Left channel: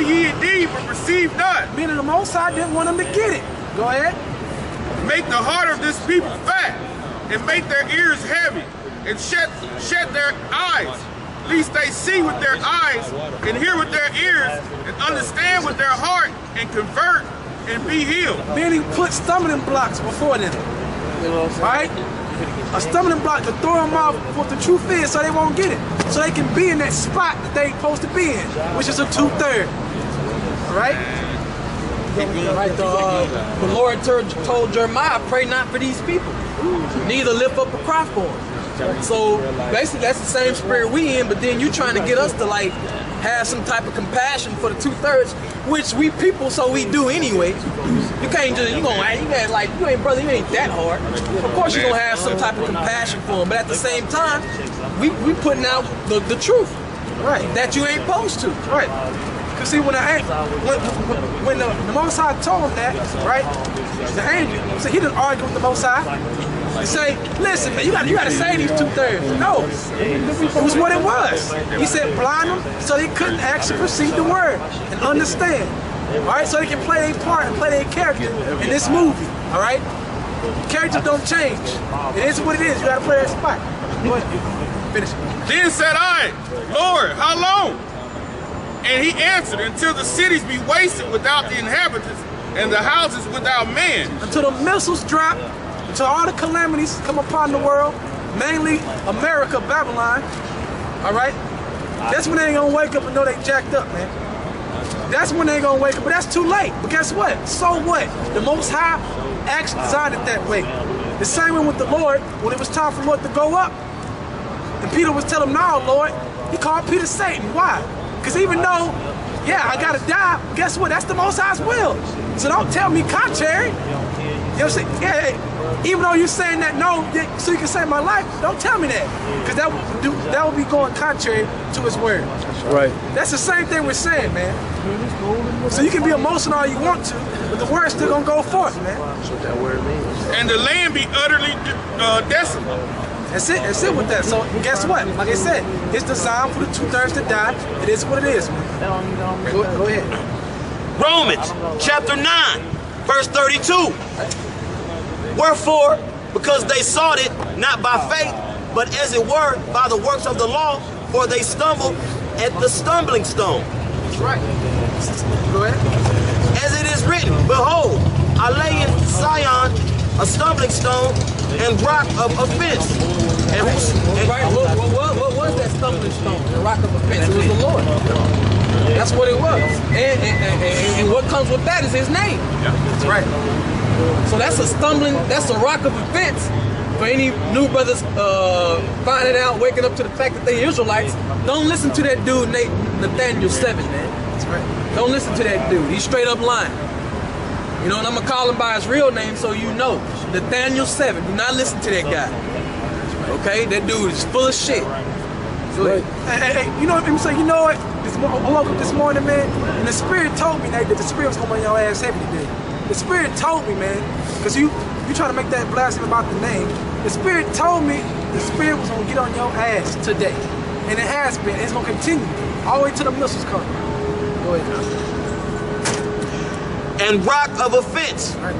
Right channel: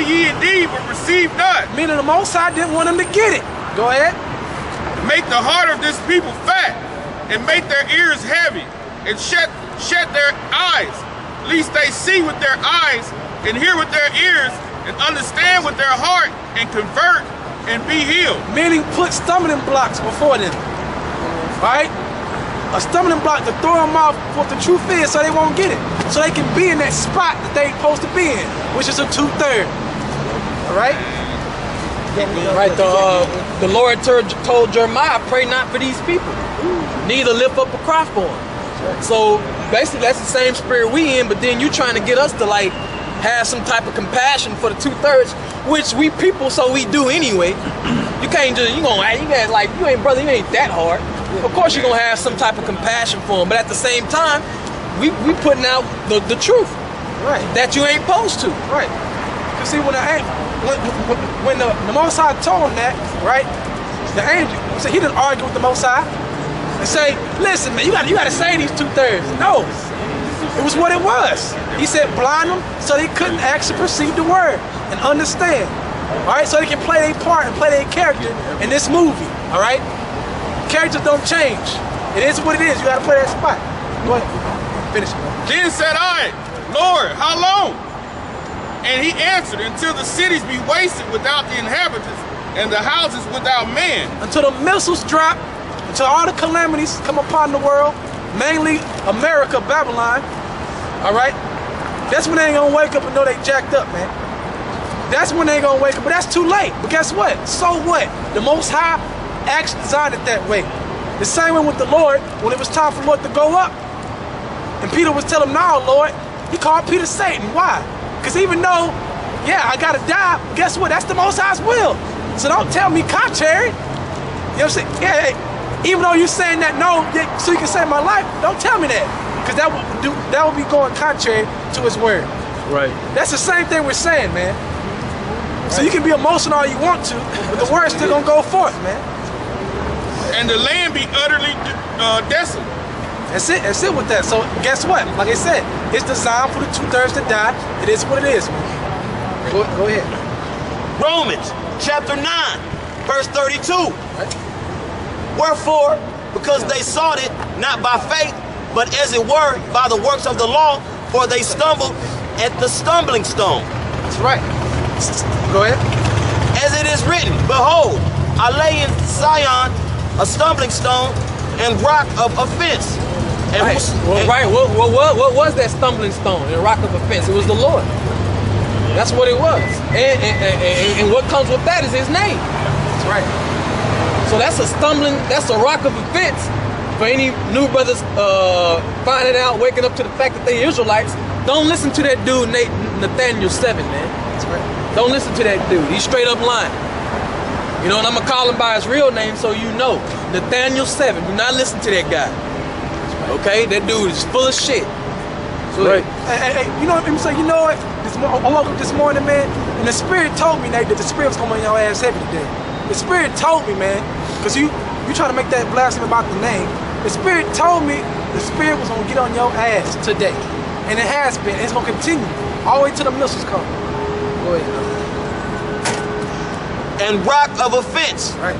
see ye indeed, but receive not. Meaning the Most High didn't want them to get it. Go ahead. Make the heart of this people fat, and make their ears heavy, and shut their eyes, lest they see with their eyes, and hear with their ears, and understand with their heart, and convert, and be healed. Meaning put stumbling blocks before them. Right? A stumbling block to throw them off what the truth is so they won't get it. So they can be in that spot that they're supposed to be in, which is a 2/3. All right? Right, the Lord told Jeremiah, pray not for these people, neither lift up a cry for them. So basically that's the same spirit we in, but then you trying to get us to like have some type of compassion for the 2/3, which we people, so we do anyway. You can't just, you got like, you ain't brother, you ain't that hard. Of course you're gonna have some type of compassion for them, but at the same time, we putting out the truth, right? That you ain't supposed to, right? Cause see, when the Most High told him that, right? The angel, so he didn't argue with the Most High and say, "Listen, man, you gotta say these 2/3." No, it was what it was. He said, "Blind them so they couldn't actually perceive the word and understand." All right, so they can play their part and play their character in this movie. All right, characters don't change. It is what it is. You gotta play that spot. Go ahead, finish. Then said I, Lord, how long? And he answered, until the cities be wasted without the inhabitants, and the houses without man. Until the missiles drop, until all the calamities come upon the world, mainly America, Babylon, all right? That's when they ain't gonna wake up and know they jacked up, man. That's when they ain't gonna wake up, but that's too late. But guess what? So what? The Most High actually designed it that way. The same way with the Lord, when it was time for the Lord to go up, and Peter was telling him, no, Lord, he called Peter Satan. Why? Because even though, yeah, I gotta die, but guess what? That's the Most High's will. So don't tell me contrary. You know what I'm saying? Yeah, even though you're saying that, no, so you can save my life, don't tell me that. Because that would be going contrary to his word. Right. That's the same thing we're saying, man. So you can be emotional all you want to, but the word's still gonna go forth, man. And the land be utterly desolate. That's it with that. So guess what? Like I said, it's designed for the 2/3 to die. It is what it is, man. Go ahead. Romans chapter 9, verse 32. Wherefore, because they sought it not by faith, but as it were by the works of the law, for they stumbled at the stumbling stone. That's right. Go ahead. As it is written, behold, I lay in Zion a stumbling stone and rock of offense. And what was that stumbling stone and rock of offense? It was the Lord. That's what it was. And what comes with that is his name. Yeah. That's right. So that's a rock of offense for any new brothers finding out, waking up to the fact that they Israelites. Don't listen to that dude, Nathaniel 7, man. That's right. Don't listen to that dude. He's straight up lying. You know, and I'm going to call him by his real name so you know. Nathaniel 7. Do not listen to that guy. Okay? That dude is full of shit. Right. Hey, you know what I'm saying? You know what? I woke up this morning, man, and the Spirit told me, Nate, that the Spirit was going to make your ass heavy today. The Spirit told me, man, because you try to make that blasphemy about the name. The Spirit told me the Spirit was going to get on your ass today. And it has been. It's going to continue all the way till the missiles come. Go ahead. And rock of offense. Right.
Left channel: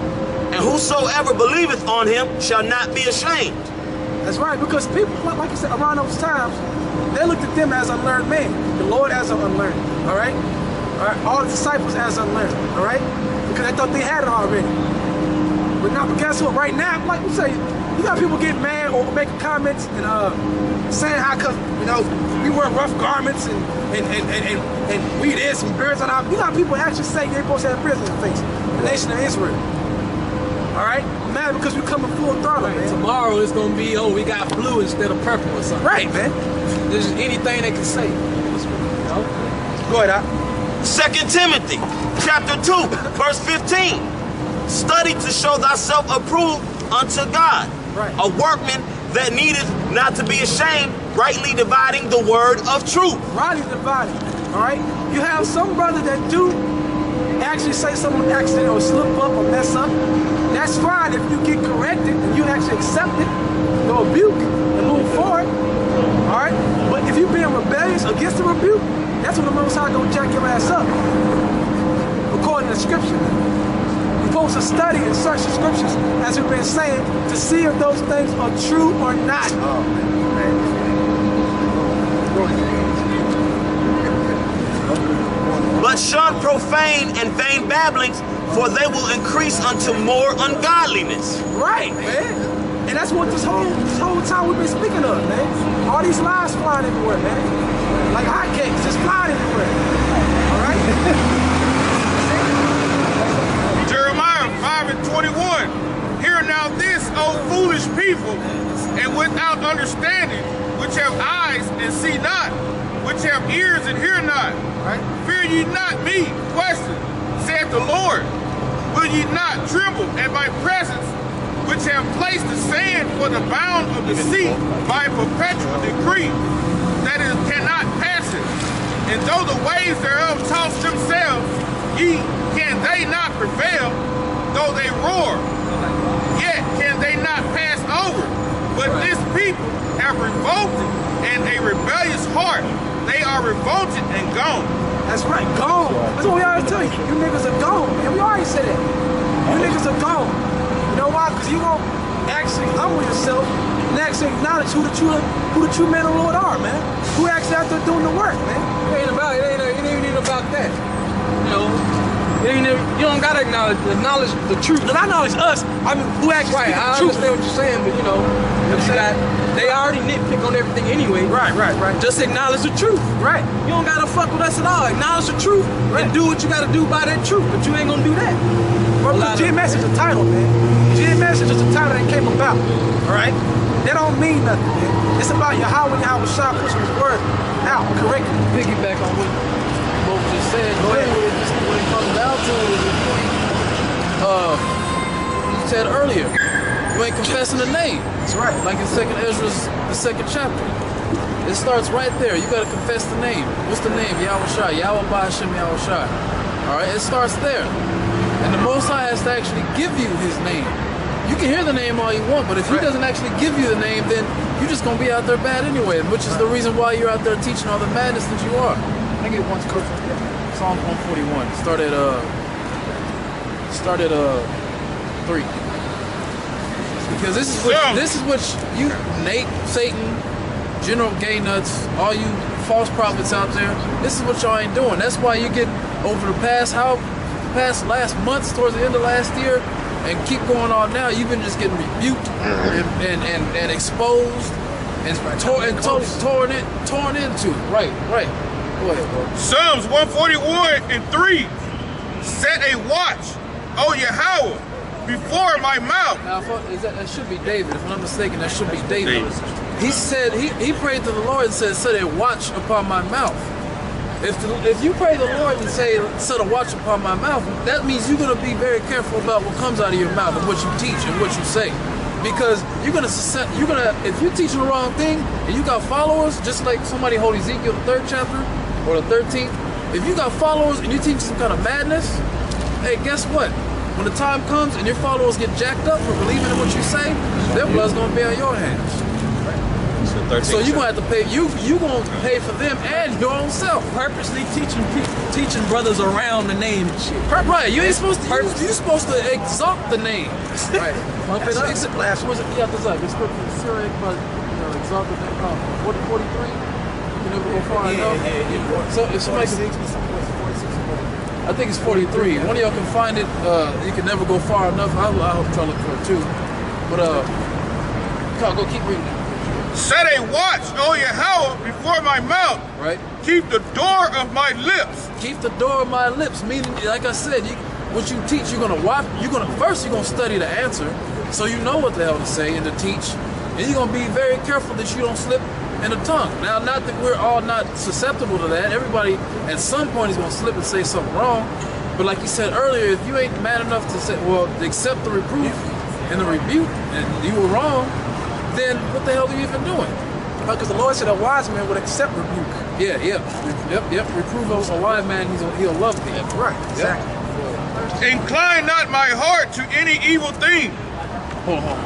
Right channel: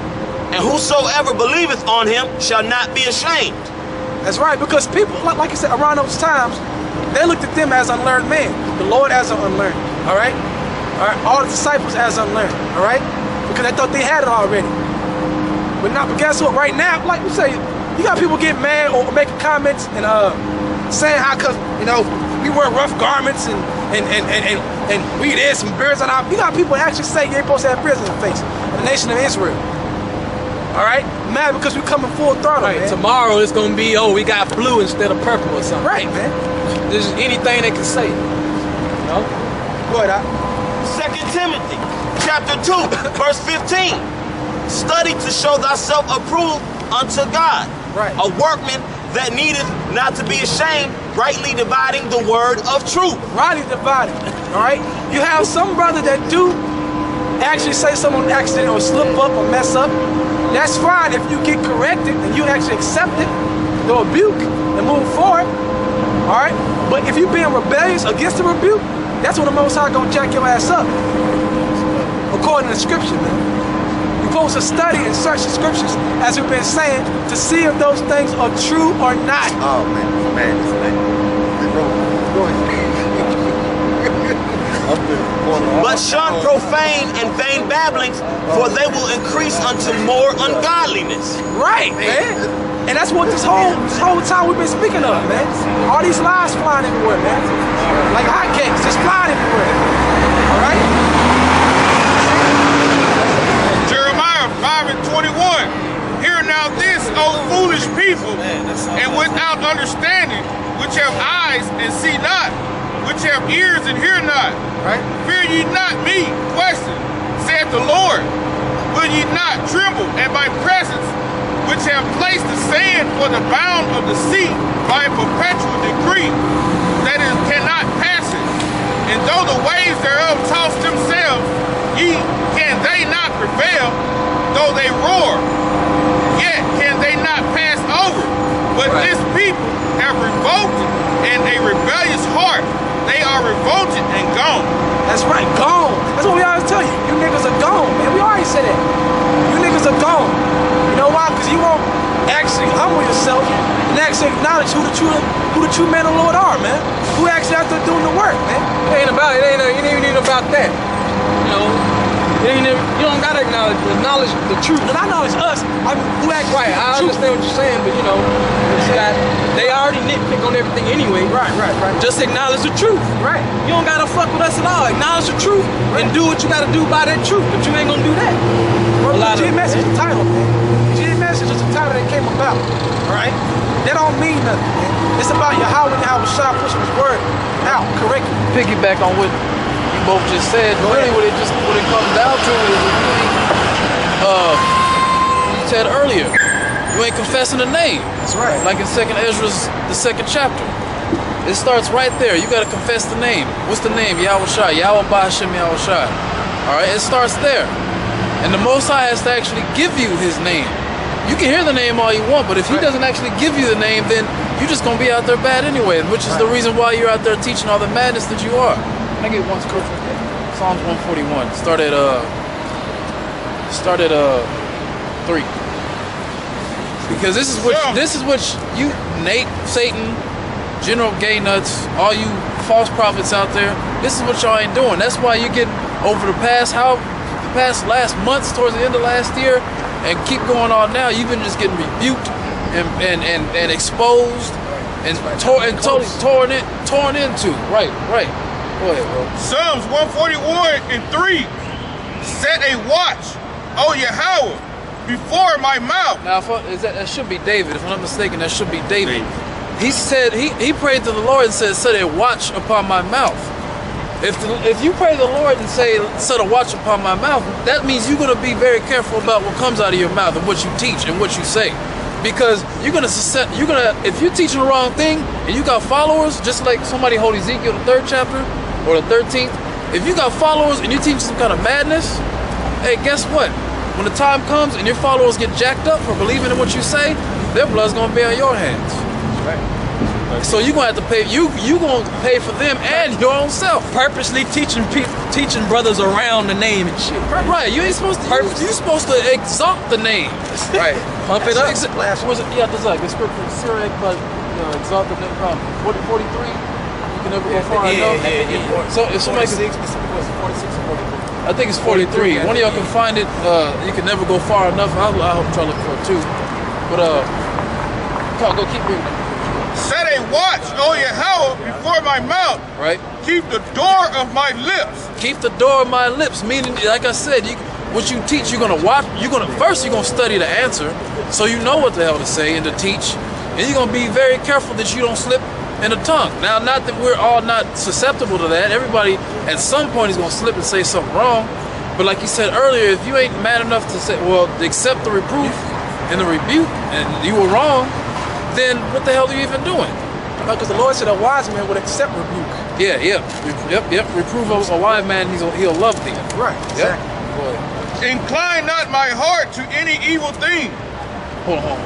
And whosoever believeth on him shall not be ashamed. That's right, because people, like you said, around those times, they looked at them as unlearned men, the Lord as an unlearned, all right? All the disciples as unlearned, all right? Because they thought they had it already. But guess what? Right now, like you say, you got people getting mad or making comments and saying how, cause you know, we wear rough garments and we this and beards on our. You got people actually say you ain't supposed to have beards on your face. The nation of Israel. All right, mad because we coming full throttle, right, man. Tomorrow it's gonna be, oh, we got blue instead of purple or something. Right, man. There's anything they can say. You know? Go ahead, Al. 2 Timothy chapter 2, verse 15. Study to show thyself approved unto God, right. A workman that needeth not to be ashamed, rightly dividing the word of truth. Rightly dividing, all right? You have some brother that do actually say something on accident or slip up or mess up. That's fine if you get corrected and you actually accept it, the rebuke, and move forward, all right? But if you're being rebellious against the rebuke, That's when the Most High gonna jack your ass up. According to Scripture, man. You're supposed to study and search the Scriptures, as we've been saying, to see if those things are true or not. Oh man, But shun profane and vain babblings, for they will increase unto more ungodliness. Right, man. And that's what this whole time we've been speaking of, man. All these lies flying everywhere, man. Like hotcakes, just flying everywhere. All right? Jeremiah 5:21. Hear now this, O foolish people, and without understanding, which have eyes and see not, which have ears and hear not. Right? Fear ye not me, question, saith the Lord. Will ye not tremble at my presence, which have placed the sand for the bound of the sea by a perpetual decree, that it cannot pass it? And though the waves thereof toss themselves, can they not prevail? Though they roar, yet can they not pass over. But this people have revolted and a rebellious heart. They are revolted and gone. That's right, gone. That's what we always tell you. You niggas are gone, man. We always say that. You niggas are gone. You know why? Because you won't actually humble yourself and actually acknowledge who the true men of the Lord are, man. Who actually out there doing the work, man. It ain't even about that. You know, you don't gotta acknowledge the truth. And I acknowledge us. I mean, who actually Right, I understand what you're saying, but you know, they already nitpick on everything anyway. Right. Just acknowledge the truth. Right. You don't gotta fuck with us at all. Acknowledge the truth and do what you gotta do by that truth, but you ain't gonna do that. Well, GMS is the title, man. GMS is just a title that came about. All right? That don't mean nothing, man. It's about Yahweh and Yahweh Shah pushing his word out correctly. Piggyback on what you both just said. Really, what it comes down to is if you ain't, you said earlier, you ain't confessing the name. That's right. Like in 2nd Ezra's, the 2nd chapter. It starts right there. You gotta confess the name. What's the name? Yahweh Shai. Yahweh Ba'Hashem Yahweh Shai. Alright, it starts there. And the Most High has to actually give you his name. You can hear the name all you want, but if he doesn't actually give you the name, then you're just gonna be out there bad anyway, which is the reason why you're out there teaching all the madness that you are. I get one scripture. Psalms 141. Start at 3. Because this is what you, Nate, Satan, General Gay Nuts, all you false prophets out there, this is what y'all ain't doing. That's why you get over the past last months towards the end of last year and keep going on now, you've been just getting rebuked and exposed and torn into. Right. Go ahead, bro. Psalms 141:3. Set a watch, O Yahweh, before my mouth. Now, that should be David. If I'm not mistaken, that should be David. He said, he prayed to the Lord and said, set a watch upon my mouth. If you pray to the Lord and say, set a watch upon my mouth, that means you're going to be very careful about what comes out of your mouth and what you teach and what you say. Because if you're teaching the wrong thing and you got followers, just like somebody hold Ezekiel, the 3rd chapter or the 13th, if you got followers and you teach some kind of madness, hey, guess what? When the time comes and your followers get jacked up for believing in what you say, their blood's going to be on your hands. So you're gonna have to pay. You gonna pay for them and your own self. Purposely teaching brothers around the name and shit. Right. You ain't supposed to. You're supposed to exalt the name. Right. Pump it up. Yeah, that's like it's scripture. Syriac, but exalt the name. 43. You can never go far enough. Yeah. So if somebody, 46 or 43. I think it's 43. One of y'all can find it. You can never go far enough. I hope try to look for it too. But go keep reading it. Set a watch, O Yahweh, before my mouth. Right. Keep the door of my lips. Keep the door of my lips. Meaning, like I said, what you teach, you're gonna watch. You're gonna study the answer, so you know what the hell to say and to teach, and you're gonna be very careful that you don't slip in the tongue. Now, not that we're all not susceptible to that. Everybody at some point is gonna slip and say something wrong. But like you said earlier, if you ain't mad enough to say, well, accept the reproof and the rebuke, and you were wrong, then what the hell are you even doing? Because the Lord said a wise man would accept rebuke. Yep. Reprove a wise man, he'll love thee. Right, exactly. Yep. Incline not my heart to any evil thing. Hold on.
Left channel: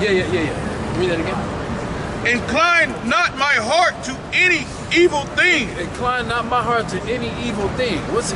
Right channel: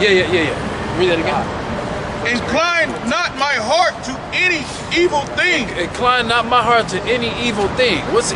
Yeah. Read that again. Incline not my heart to any evil thing. Incline not my heart to any evil thing. What's